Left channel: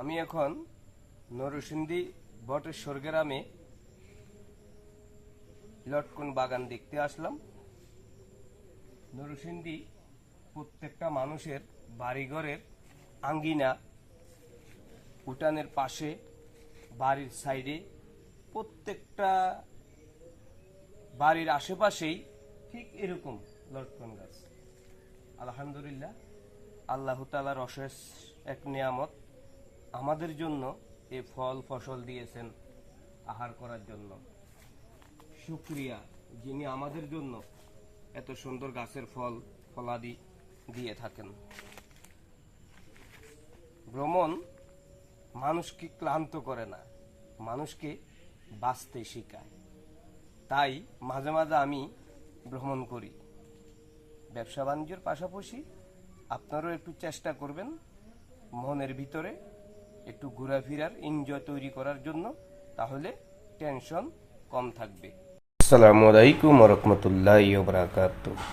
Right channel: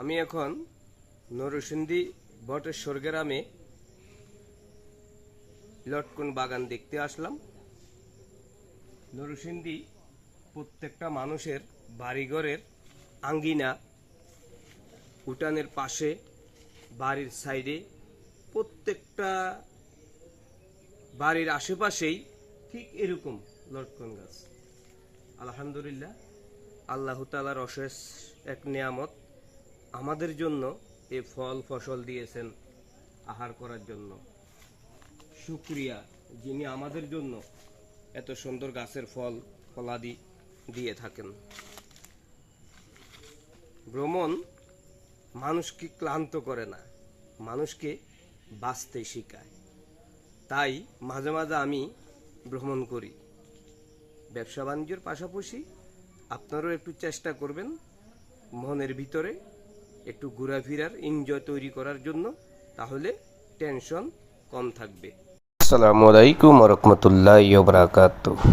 আমি এখন নরসিংদী বটেশ্বর গ্রামে লটকন বাগান দেখতে আসলাম। নরসিংদী প্রত্যেকটা মানুষের বাড়িঘরের আঙ্গিনা, উঠানের পাশে, বাড়ির সাইডে, প্রত্যেকটা বাড়ির আশেপাশেই ঠিক এরকম লটকন গাছ। আলহামদুলিল্লাহ, আল্লাহ তাআলার অশেষ এক নিয়ামত। আমাদের জন্য এই ফল ফসল দিয়েছেন আহার করার জন্য। শুকরিয়া, যিনি আমাদের জন্য এত সুন্দর গাছের ফল ফলাদি দিয়ে থাকেন। ভ্রমণ মানুষকে ক্লান্ত করে না, মানুষকে বাঁচতে শেখায়। তাই মাঝে মাঝে আমি ভ্রমণ করি। ব্যবসা বাণিজ্যের পাশাপাশি আপনারাও একটু চেষ্টা করবেন মনের ভিতরে একটু ঘোরাফেরার এনজয় তৈরি করার জন্য, তাহলে টেনশন কম থাকবে। আসসালামু আলাইকুম ওয়া রাহমাতুল্লাহি ওয়া বারাকাতুহু।